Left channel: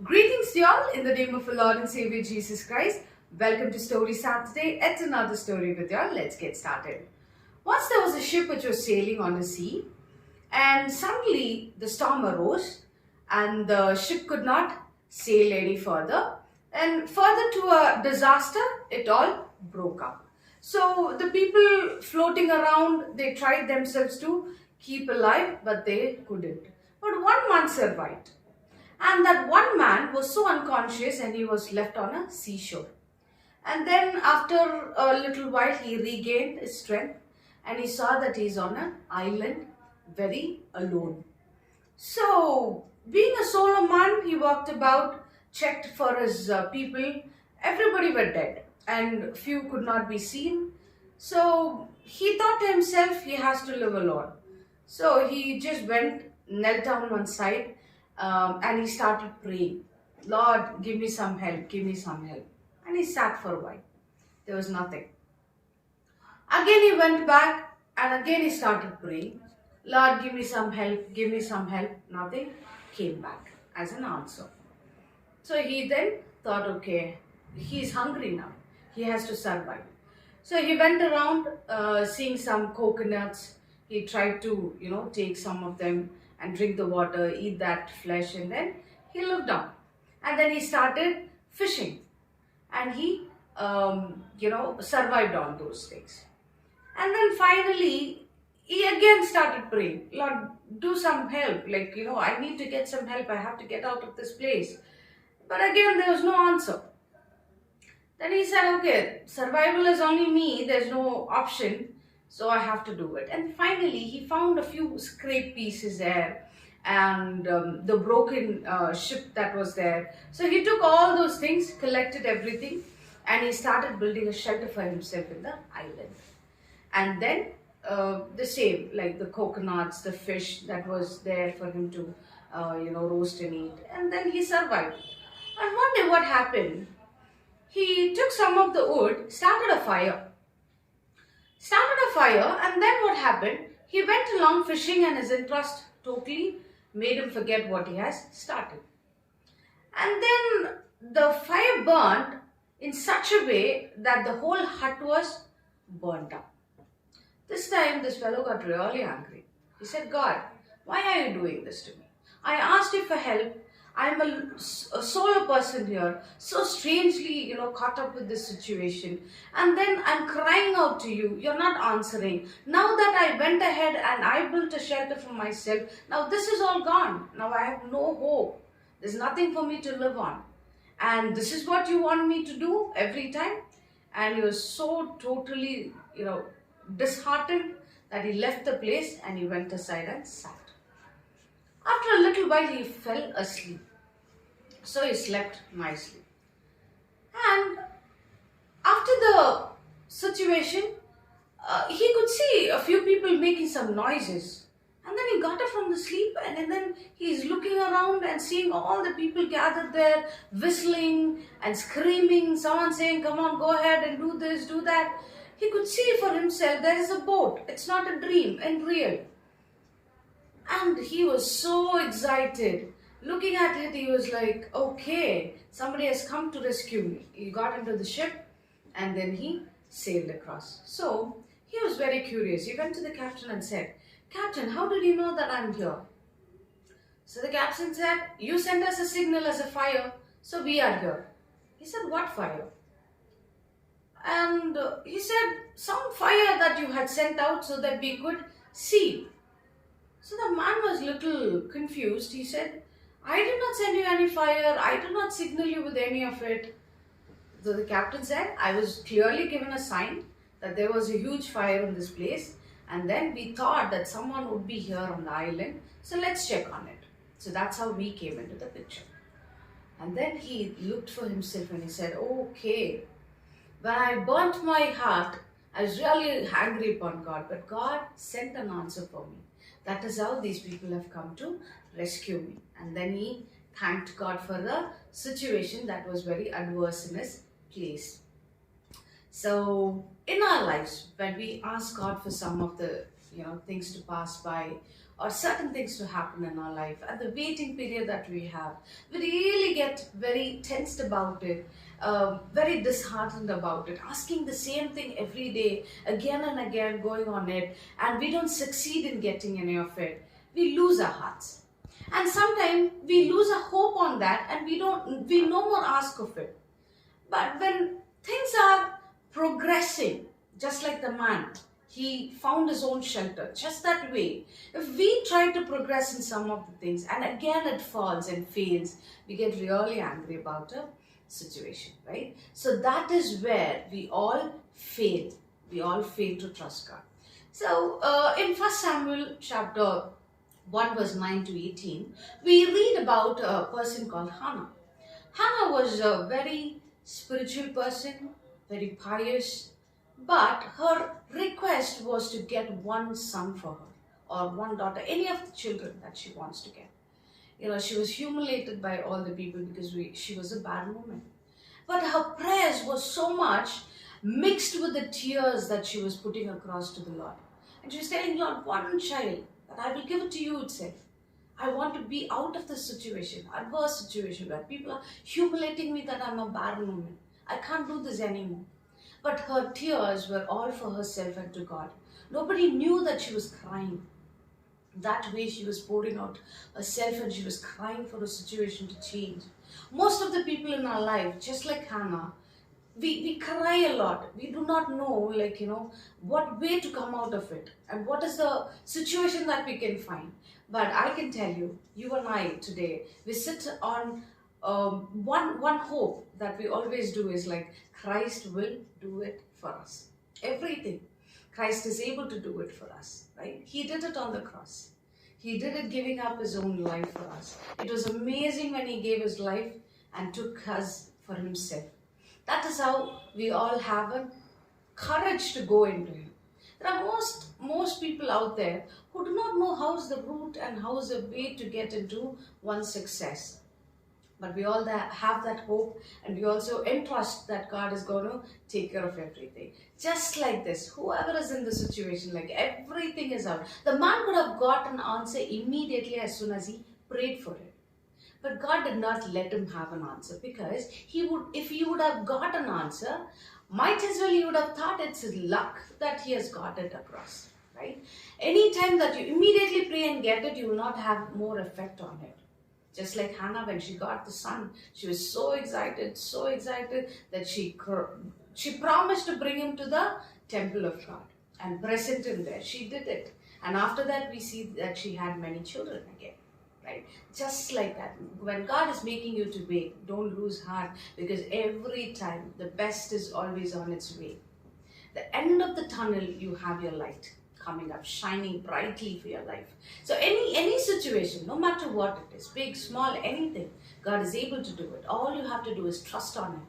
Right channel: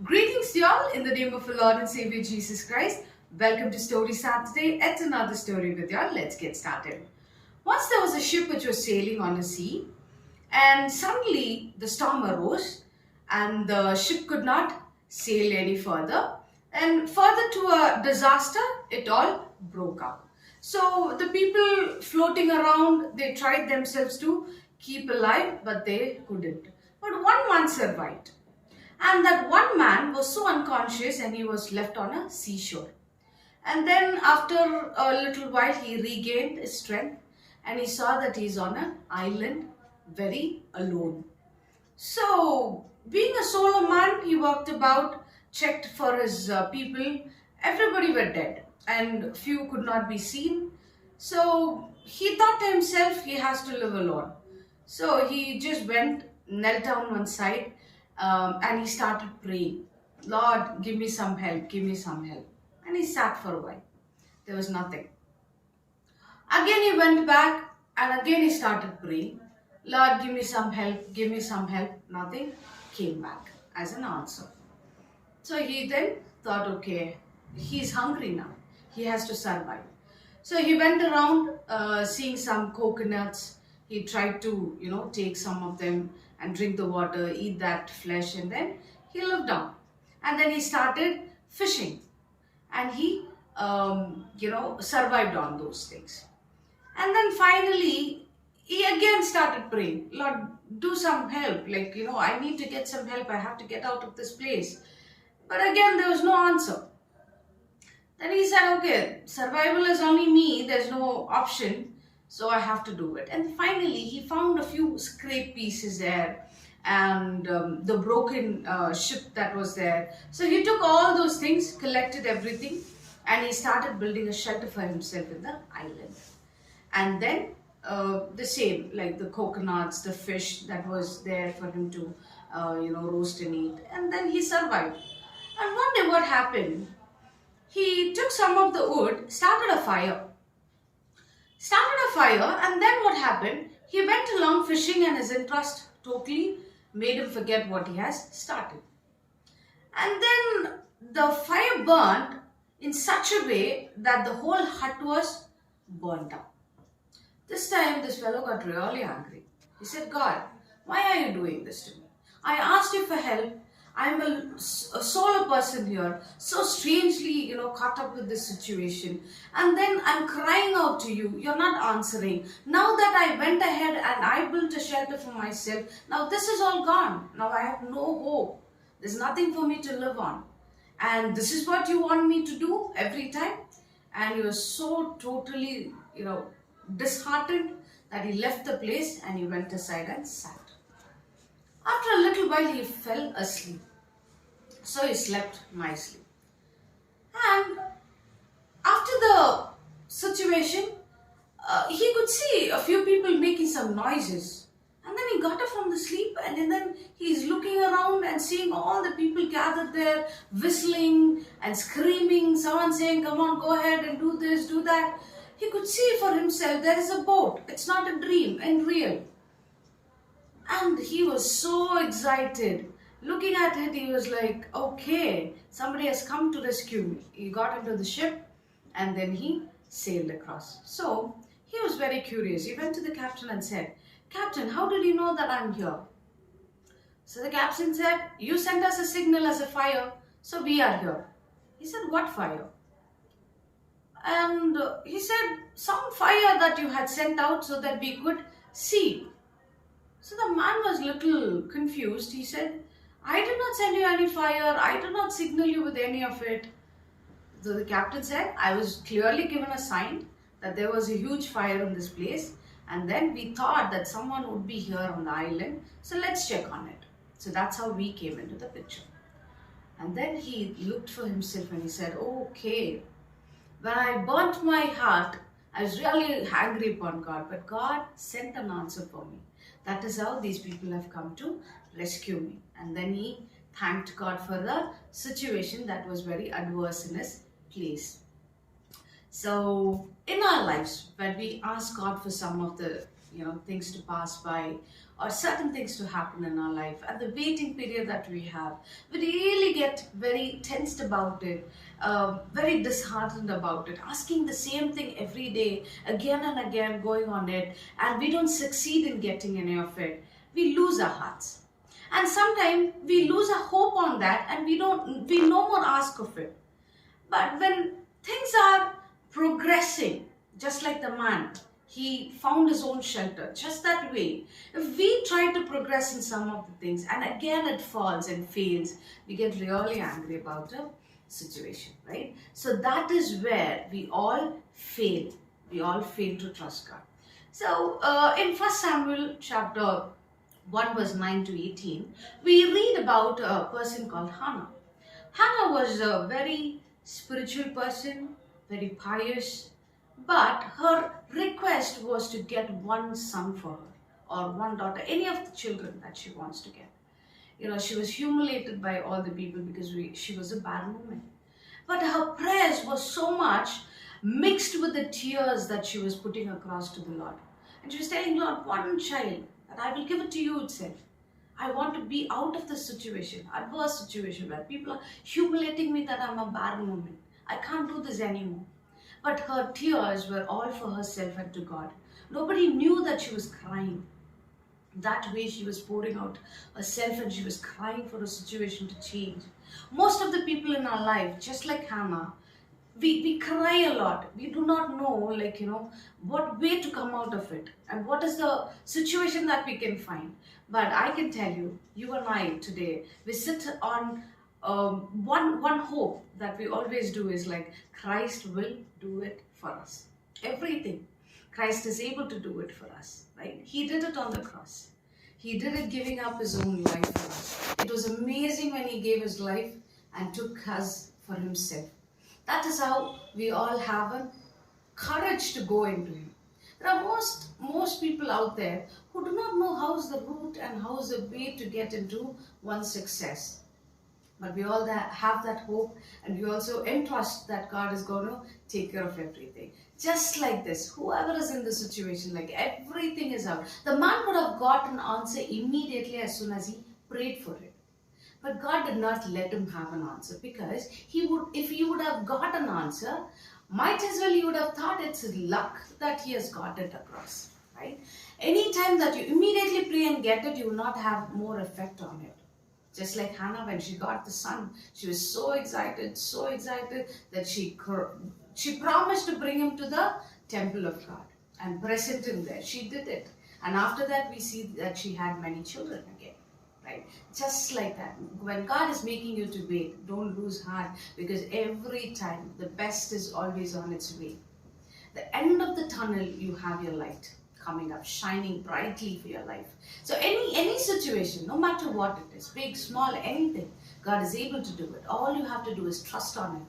Greetings to you all in the name of our Lord and Savior Jesus Christ. Welcome to Story Saturday. It's another story with you all. Let's get started. Once there was a ship which was sailing on a sea, and suddenly the storm arose, and the ship could not sail any further. And further to a disaster, it all broke up. So the people floating around, they tried themselves to keep alive, but they couldn't. But one man survived. And that one man was so unconscious and he was left on a seashore. And then after a little while he regained his strength and he saw that he's on an island very alone. So being a solo man, he walked about, checked for his people. Everybody were dead and few could not be seen. So he thought to himself he has to live alone. So he just went, knelt down one side, and he started praying, Lord, give me some help, give me some help. And he sat for a while. There was nothing. Again he went back and again he started praying, Lord, give me some help, give me some help. Nothing came back as an answer. So he then thought, okay, he's hungry now. He has to survive. So he went around seeing some coconuts. He tried to, take some of them and drink the water, eat that flesh, and then he lived on. And then he started fishing and he, survived on those things. And then finally, he again started praying, Lord, do some help. I need to get some help. I have to get out of this place. But again, there was no answer. Then he said, okay, survival is only me. There's no option. So I have to do it. And finally, he found a few scrap pieces there and the broken ship that was there. So he took all those things, collected everything, and he started building a shelter for himself in the island. And then the same, like the coconuts, the fish that was there for him to, roast and eat. And then he survived. And one day what happened? He took some of the wood, started a fire. And then what happened? He went along fishing and his interest totally made him forget what he has started. And then the fire burnt in such a way that the whole hut was burnt up. This time this fellow got really angry. He said, God, why are you doing this to me? I asked you for help. I'm a solo person here, so strangely, caught up with this situation. And then I'm crying out to you. You're not answering. Now that I went ahead and I built a shelter for myself, now this is all gone. Now I have no hope. There's nothing for me to live on. And this is what you want me to do every time? And he was so totally, disheartened that he left the place and he went aside and sat. After a little while, he fell asleep. So he slept nicely. And after the situation, he could see a few people making some noises. And then he got up from the sleep and then he's looking around and seeing all the people gathered there, whistling and screaming, someone saying, come on, go ahead and do this, do that. He could see for himself there is a boat. It's not a dream and real. And he was so excited. Looking at it, he was like, okay, somebody has come to rescue me. He got into the ship and then he sailed across. So he was very curious. He went to the captain and said, Captain, how did you know that I'm here? So the captain said, you sent us a signal as a fire, so we are here. He said, what fire? And he said, some fire that you had sent out so that we could see. So the man was a little confused. He said, I did not send you any fire. I did not signal you with any of it. So the captain said, I was clearly given a sign that there was a huge fire in this place. And then we thought that someone would be here on the island. So let's check on it. So that's how we came into the picture. And then he looked for himself and he said, okay, when I burnt my heart, I was really angry upon God. But God sent an answer for me. That is how these people have come to rescue me. And then he thanked God for the situation that was very adverse in his place. So in our lives, when we ask God for some of the things to pass by or certain things to happen in our life, and the waiting period that we have, we really get very tensed about it, very disheartened about it, asking the same thing every day, again and again, going on it, and we don't succeed in getting any of it. We lose our hearts. And sometimes we lose our hope on that, and we no more ask of it. But when things are progressing, just like the man, he found his own shelter, just that way. If we try to progress in some of the things and again it falls and fails, we get really angry about a situation, right? So that is where we all fail. We all fail to trust God. So in 1 Samuel chapter 1 verse 9 to 18, we read about a person called Hannah. Hannah was a very spiritual person, very pious, but her request was to get one son for her or one daughter, any of the children that she wants to get. She was humiliated by all the people because she was a barren woman. But her prayers were so much mixed with the tears that she was putting across to the Lord. And she was telling Lord, one child, that I will give it to you itself. I want to be out of this situation, adverse situation where people are humiliating me that I'm a barren woman. I can't do this anymore. But her tears were all for herself and to God. Nobody knew that she was crying. That way she was pouring out herself and she was crying for a situation to change. Most of the people in our life, just like Hannah, we cry a lot. We do not know, what way to come out of it and what is the situation that we can find. But I can tell you, you and I today, we sit on one hope that we always do is like Christ will do it for us. Everything. Christ is able to do it for us, right? He did it on the cross. He did it giving up his own life for us. It was amazing when he gave his life and took us for himself. That is how we all have a courage to go into him. There are most people out there who do not know how is the route and how is the way to get into one's success. But we all have that hope, and we also entrust that God is going to take care of everything. Just like this, whoever is in the situation, like everything is out. The man could have got an answer immediately as soon as he prayed for it. But God did not let him have an answer, because if he would have got an answer, might as well he would have thought it's luck that he has got it across, right? Anytime that you immediately pray and get it, you will not have more effect on it. Just like Hannah, when she got the son, she was so excited that she promised to bring him to the temple of God and present him there. She did it. And after that, we see that she had many children again. Right? Just like that. When God is making you to wait, don't lose heart, because every time the best is always on its way. The end of the tunnel, you have your light coming up, shining brightly for your life. So any situation, no matter what it is, big, small, anything, God is able to do it. All you have to do is trust on him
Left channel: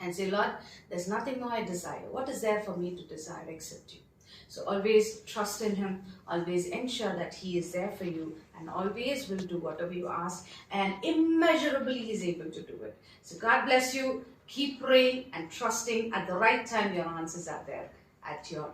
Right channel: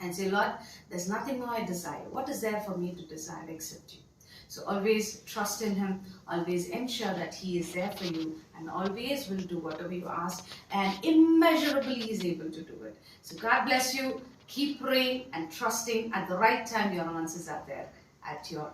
and say, Lord, there's nothing more I desire. What is there for me to desire except you? So always trust in him, always ensure that he is there for you, and always will do whatever you ask, and immeasurably he is able to do it. So God bless you. Keep praying and trusting. At the right time, your answers are there at your